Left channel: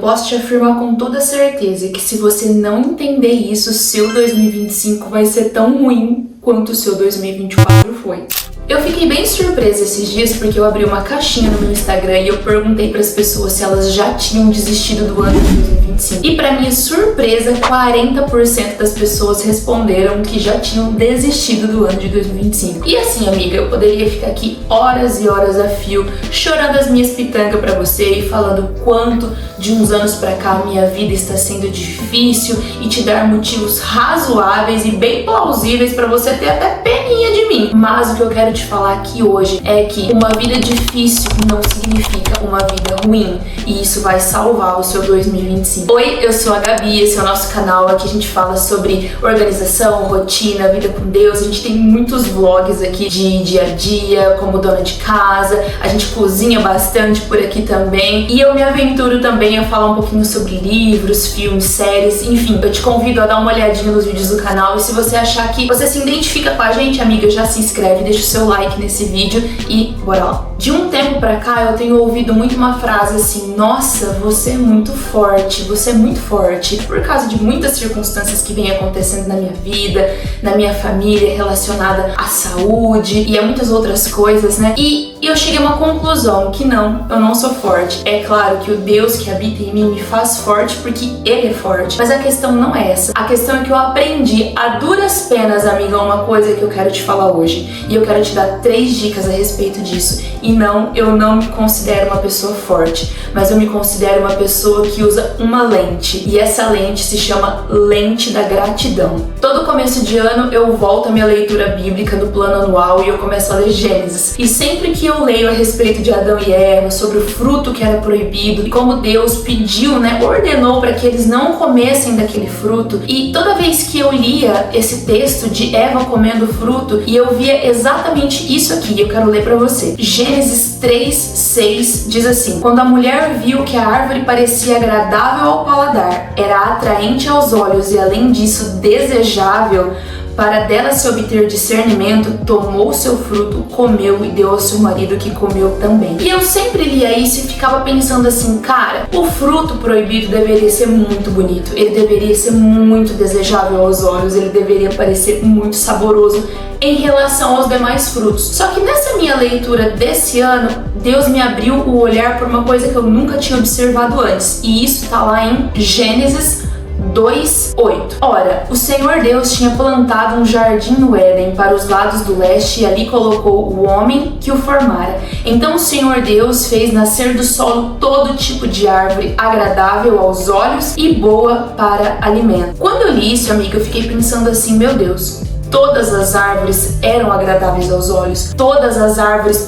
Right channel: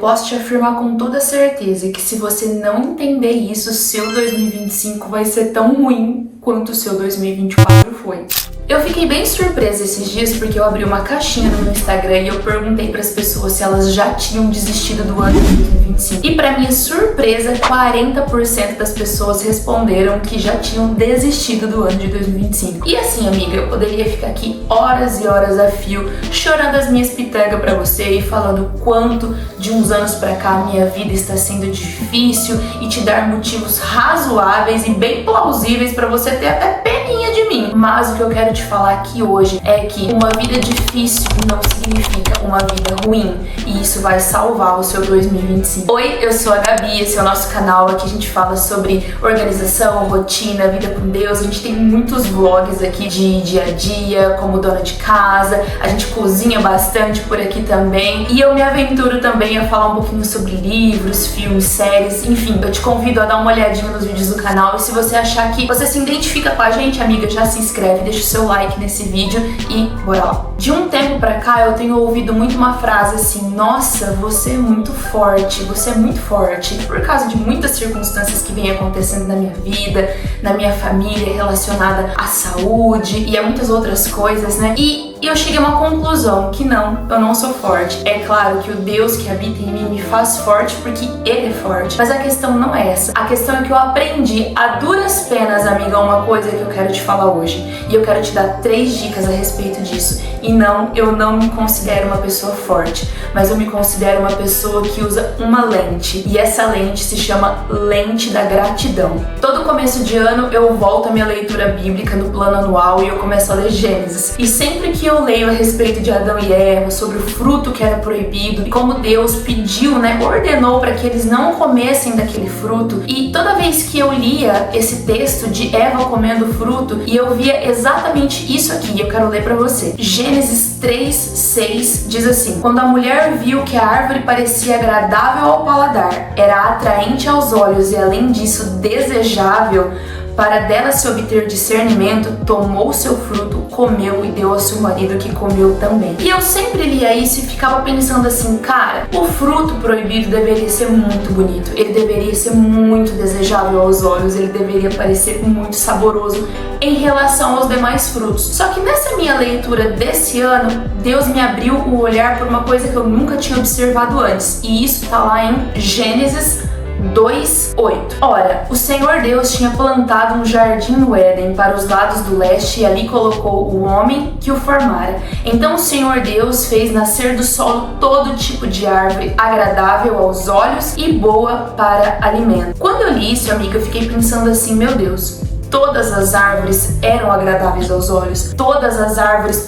posso te afirmar com toda certeza que se você não entender isso, seu 2025 vai ser tão ruim quanto o seu 2024 foi. Eu fiquei bem surpresa esses dias porque eu abri uma caixinha no meu Instagram e eu perguntei para as pessoas se elas já tinham desistido do ano de 2025. E para minha surpresa, 40% das pessoas responderam que já tinham desistido do ano de 2025. E assim, amiga, eu poderia ficar aqui horas e horas a fio chorando as minhas pitangas para você e falando quanto de uns anos para cá minha vida está sendo difícil e te dar motivos razoáveis e bem plausíveis para você ter até peninha de mim. Mas o que eu quero te falar aqui hoje é que uma vida difícil não significa uma vida ruim, e isso vai salvar o seu 2025. Oi, eu sou a Gabi, esse é o nosso canal. Aqui a gente fala sobre organização, rotina, vida com Deus. A gente tem muitos vlogs aqui de dia a dia, como dona de casa, a gente cozinha bastante por aqui também, e eu me aventuro também a falar um pouquinho sobre livros, filmes, séries, enfim. Eu te convido a dar uma olhadinha nos vídeos do canal, e se você achar que você se identifica com a gente, amiga, já se inscreve, deixa o seu like nesse vídeo e bora lá. De um tempo pra cá eu tenho ouvido muito uma frase assim: nossa, você é muito forte, você é muito forte, por causa de muitas circunstâncias que vêm acontecendo na minha vida, na minha família, relacionada à saúde e a muitas outras coisas, né? E eu cheguei a uma conclusão que não, eu não sou forte. É claro que o Deus que habita em mim me faz forte porque Ele é forte, mas a questão não é essa. A questão é que eu aprendi a duras penas, amiga, uma coisa que eu quero te falar hoje, e eu quero te dar 3 dicas a respeito disso. E não, eu não me considero uma pessoa forte, mas eu me considero uma pessoa que usa uma lente, e essa lente se chama lente da gratidão. Todo começo de ano eu volto à minha leitura bíblica no plano anual e eu começo a ler Gênesis, e sempre que eu leio a respeito de Adão e Eva, sobre o fruto que era proibido e como Deus pediu, ordenou para que eles não comessem daquele fruto, e toda vez que eu lia esse texto de Eva comendo o fruto, e eu via exatamente isso aqui, eu quero ler para você. Gênesis 3:6 diz assim: quando a mulher viu que a árvore parecia agradável ao paladar, era atraente aos olhos e além disso desejável para dela se obter discernimento, tomou seu fruto, comeu e deu ao seu marido, que comeu também. E eu sempre lia isso e ficava pensando assim: cara, o fruto proibido deveria ser muito bonito, ele deveria ser muito desejável aos olhos, ele deveria parecer muito saboroso em relação aos demais frutos. Só que nessa minha leitura desse ano, Deus me abriu o olhar por uma coisa que eu nunca tinha observado antes, e isso tá lá em Gênesis 2:8. Ora, o Senhor Deus tinha plantado um jardim no Éden para os lados do leste, e ali colocou o homem que o formara. Então o Senhor Deus fez nascer do solo todo tipo de árvore agradável aos olhos e boa para alimento. Quando eu li isso, amiga, eu fiquei pensando assim: meu Deus, todas as árvores eram agradáveis aos olhos, todas as árvores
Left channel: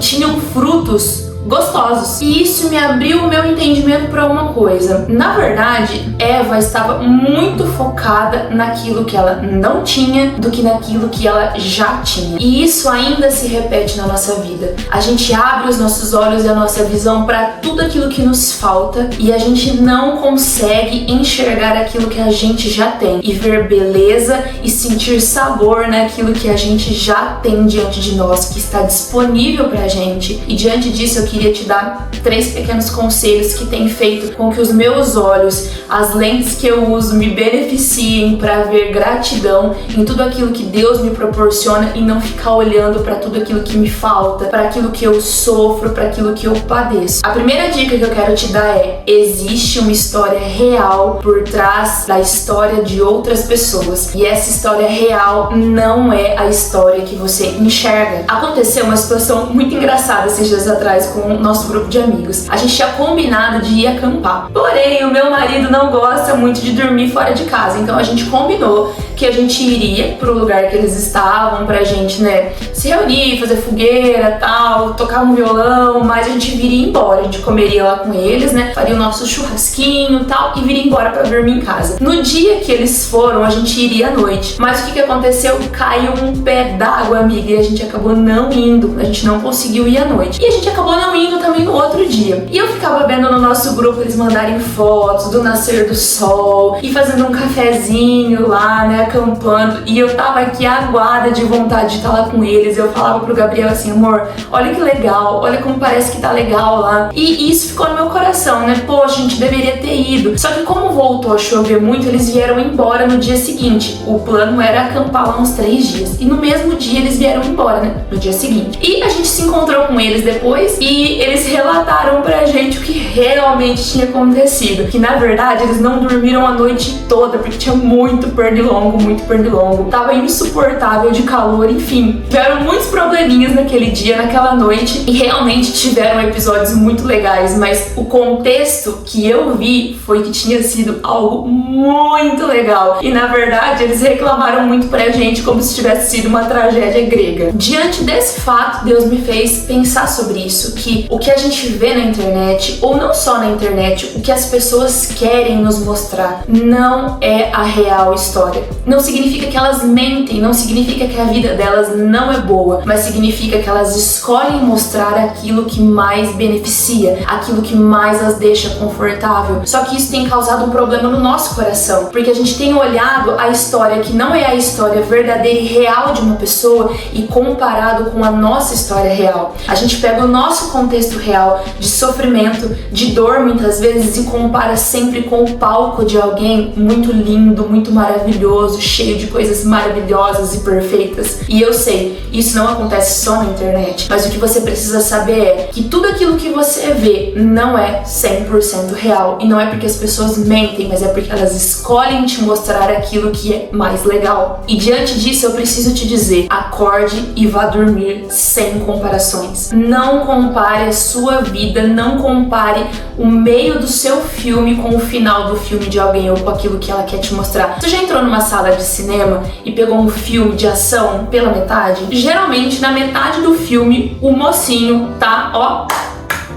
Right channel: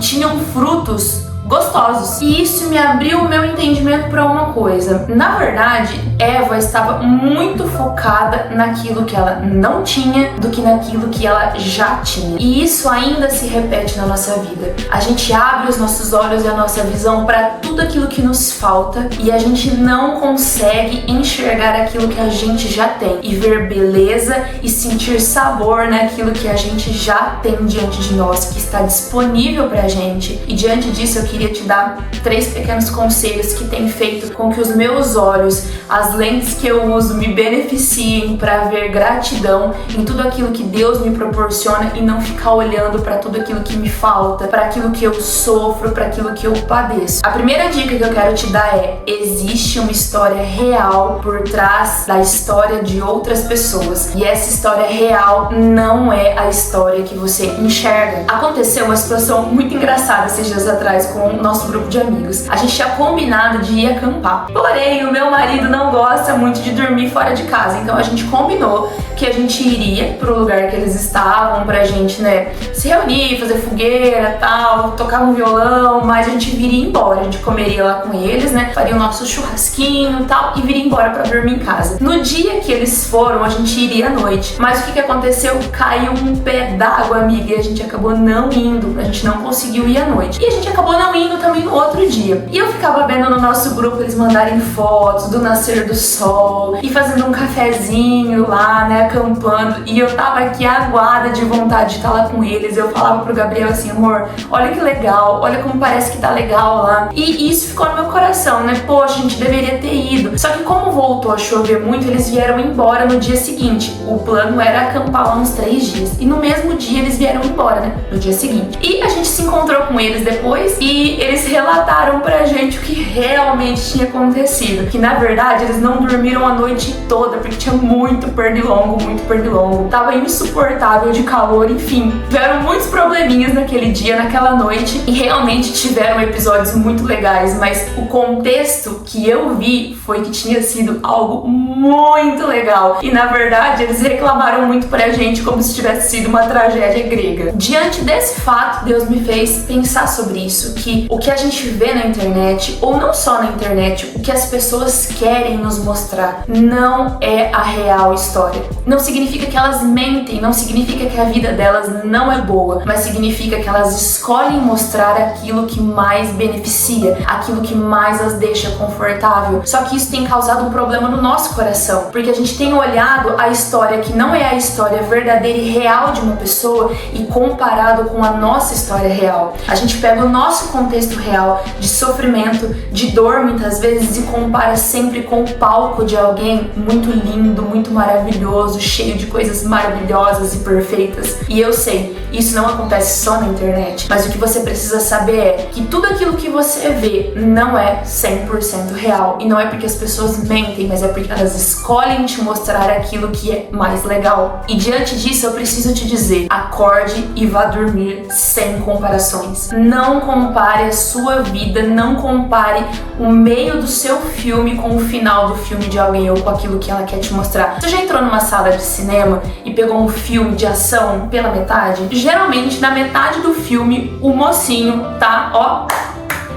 tinham frutos gostosos. E isso me abriu o meu entendimento para uma coisa. Na verdade, Eva estava muito focada naquilo que ela não tinha do que naquilo que ela já tinha. E isso ainda se repete na nossa vida. A gente abre os nossos olhos e a nossa visão para tudo aquilo que nos falta, e a gente não consegue enxergar aquilo que a gente já tem e ver beleza e sentir sabor naquilo que a gente já tem diante de nós, que está disponível pra gente. E diante disso eu queria te dar 3 pequenos conselhos que têm feito com que os meus olhos, as lentes que eu uso, me beneficiem para ver gratidão em tudo aquilo que Deus me proporciona e não ficar olhando para tudo aquilo que me falta, para aquilo que eu sofro, para aquilo que eu padeço. A primeira dica que eu quero te dar é: existe uma história real por trás da história de outras pessoas, e essa história real não é a história que você enxerga. Aconteceu uma situação muito engraçada esses dias atrás com o nosso grupo de amigos. A gente tinha combinado de ir acampar, porém o meu marido não gosta muito de dormir fora de casa, então a gente combinou que a gente iria pro lugar que eles estavam pra gente, se reunir, fazer fogueira, tal, tocar um violão, mas a gente viria embora. A gente comeria lá com eles, faria o nosso churrasquinho, tal, e viria embora pra dormir em casa. No dia que eles foram, a gente iria à noite, mas o que aconteceu? Caiu um pé d'água, amiga, e a gente acabou não indo, a gente não conseguiu ir à noite, e a gente acabou não não indo também no outro dia. E eu ficava vendo no nosso grupo eles mandarem fotos do nascer do sol e fazendo um cafezinho lá, né, acampando, e eu tava aqui aguada de vontade de estar lá com eles. Eu falava pro Gabriel assim: amor, olha que legal, olha como parece que tá legal lá. E isso ficou no meu coração, né? Poxa, a gente deveria ter ido. Só que como voltou a chover muito, eles vieram embora no dia seguinte. O plano era acampar lá uns 3 dias. E no mesmo dia eles vieram embora, né? No dia seguinte. E a gente se encontrou com eles depois e eles relataram pra gente o que realmente tinha acontecido. Que na verdade eles não dormiram a noite toda, porque tinha muito pernilongo. Tava insuportável de calor, enfim. Tiveram muitos probleminhas naquele dia, naquela noite. E realmente tiveram episódios muito legais, mas o contexto que eu vi foi que tinha sido algo muito legal. E na verdade eles reclamaram muito pra gente como se tivesse sido uma tragédia grega. Diante desse fato, Deus me fez pensar sobre isso, que o que a gente vê na internet, ou não só na internet, o que as pessoas querem nos mostrar não é a real história. Não significa que elas mentem, não significa que a vida delas não é boa, mas significa que elas escolhem mostrar aquilo que mais beneficia, aquilo que mais as deixa confortável. Só que isso tem causado um problema no nosso coração, porque a gente tem olhado a história que não é a história verdadeira e real de uma pessoa e comparado com a nossa história real. A gente pega o nosso contexto real de sofrimento, de dor muitas vezes, e compara sempre com o palco de alguém muito lindo, muito maravilhoso, cheio de coisas maravilhosas e perfeitas. E eu sei, isso não acontece só na internet, mas o que você precisa saber é que tudo aquilo que você vê não é 100% real. E não é porque as pessoas mentem, mas é porque elas escolhem te mostrar aquilo que é mais legal. E diante disso eu preciso te dizer: acorde e vá dormir sem comparações. Não compare a sua vida, não compare o meio do seu filme com o final do filme de alguém ou com aquilo que ela quer te mostrar. Você já entrou numa sala de cinema e pegou um filme de ação pela metade? Geralmente na metade do filme o mocinho tá, ó,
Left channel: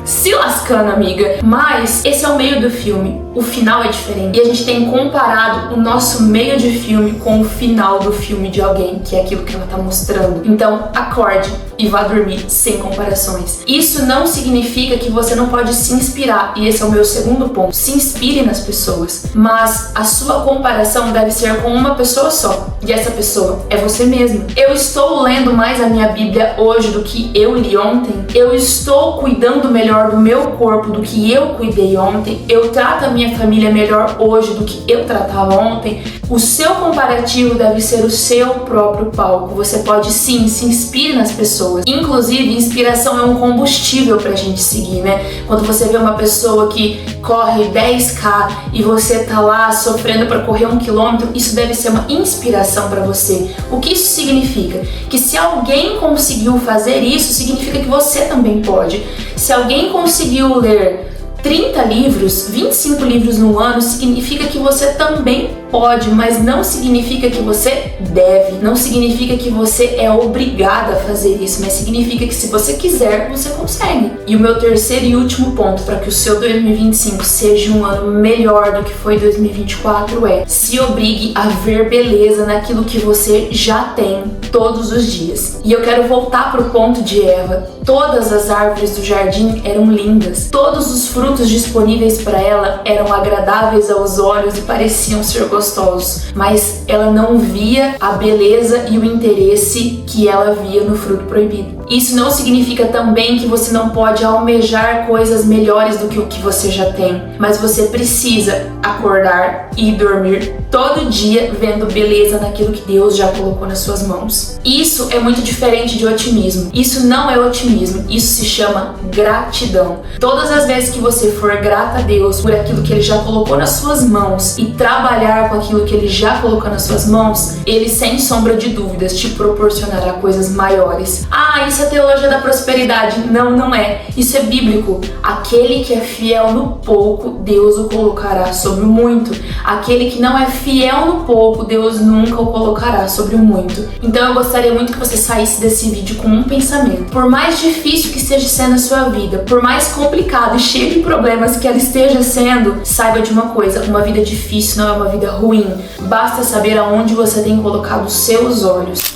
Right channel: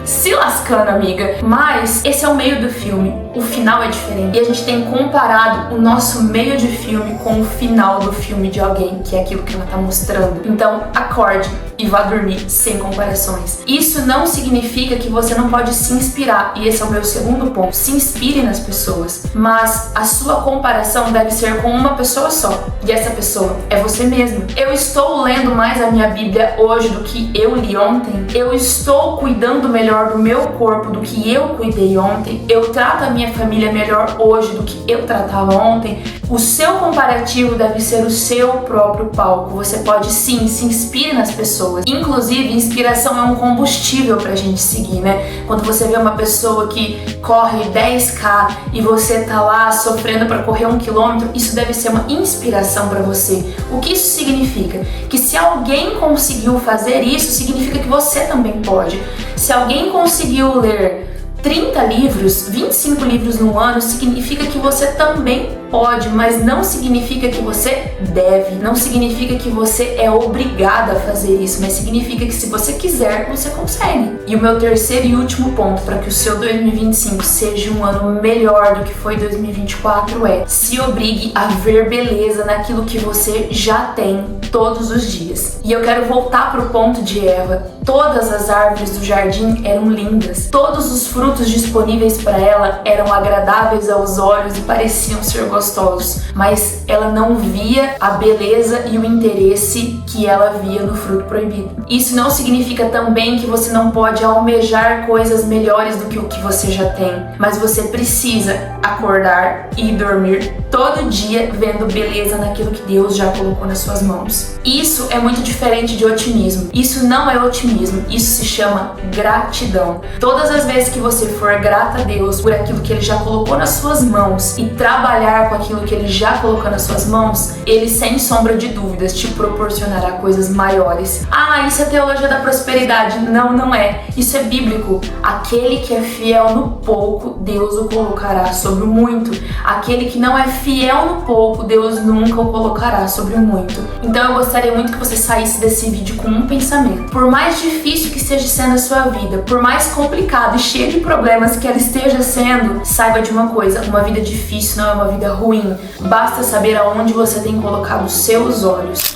se lascando, amiga. Mas esse é o meio do filme, o final é diferente. E a gente tem comparado o nosso meio de filme com o final do filme de alguém, que é aquilo que ela tá mostrando. Então, acorde e vá dormir sem comparações. Isso não significa que você não pode se inspirar, e esse é o meu segundo ponto. Se inspire nas pessoas, mas a sua comparação deve ser com uma pessoa só, e essa pessoa é você mesmo. Eu estou lendo mais a minha Bíblia hoje do que eu li ontem. Eu estou cuidando melhor do meu corpo do que eu cuidei ontem. Eu trato a minha família melhor hoje do que eu tratava ontem. O seu comparativo deve ser o seu próprio palco. Você pode sim, se inspire nas pessoas. Inclusive, inspiração é um combustível pra gente seguir, né? Quando você vê uma pessoa que corre 10K e você tá lá sofrendo pra correr 1 quilômetro, isso deve ser uma inspiração pra você. O que isso significa? Que se alguém conseguiu fazer isso, significa que você também pode. Se alguém conseguiu ler 30 livros, 25 livros no ano, significa que você também pode, mas não significa que você deve, não significa que você é obrigada a fazer isso, mas significa que se você quiser, você consegue. E o meu terceiro e último ponto para que o seu 2025 seja um ano melhor do que foi 2024 é: se obrigue a ver beleza naquilo que você já tem todos os dias. E eu quero voltar pro ponto de Eva. Todas as árvores do jardim eram lindas, todos os frutos disponíveis para ela eram agradáveis aos olhos e pareciam ser gostosos, mas ela não via a beleza e o interesse que ela via no fruto proibido. Isso não significa também que você não pode almejar coisas melhores do que o que você já tem, mas você precisa acordar e dormir todo dia vendo beleza naquilo que Deus já colocou nas suas mãos. Isso é muito diferente de otimismo. Isso não é otimismo, isso se chama gratidão. Todas as vezes que você for grata a Deus por aquilo que Ele já colocou nas suas mãos e trabalhar com aquilo que Ele já colocou nas suas mãos, Ele, sem sombra de dúvidas, te proporcionará coisas maiores. Ah, isso é teologia da prosperidade. Não, não é. Isso é bíblico. Aquele que é fiel no pouco, Deus o colocará sobre o muito. Aquele que não é fiel no pouco, Deus nunca o colocará sobre o muito. Então eu gostaria muito que você saísse desse vídeo com um pensamento. Por mais difícil que esteja sendo a sua vida, por mais complicado e cheio de problemas que ela esteja sendo, saiba de uma coisa: uma vida difícil não é uma vida ruim. Basta saber aonde você tem colocado os seus olhos.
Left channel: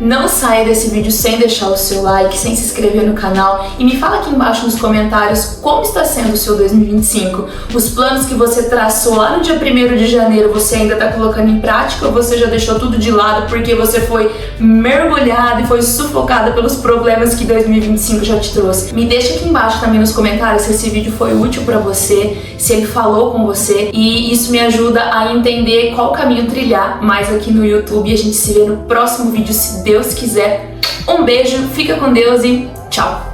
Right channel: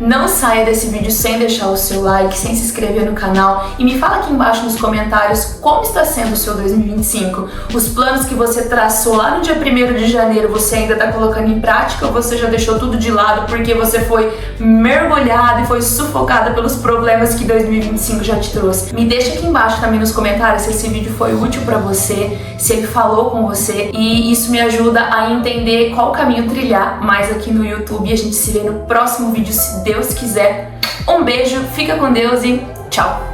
Não saia desse vídeo sem deixar o seu like, sem se inscrever no canal e me fala aqui embaixo nos comentários como está sendo o seu 2025. Os planos que você traçou lá no dia 1º de janeiro, você ainda está colocando em prática ou você já deixou tudo de lado porque você foi mergulhada e foi sufocada pelos problemas que 2025 já te trouxe? Me deixa aqui embaixo também nos comentários se esse vídeo foi útil para você, se ele falou com você, e isso me ajuda a entender qual caminho trilhar mais aqui no YouTube. E a gente se vê no próximo vídeo, se Deus quiser. Um beijo, fica com Deus e tchau!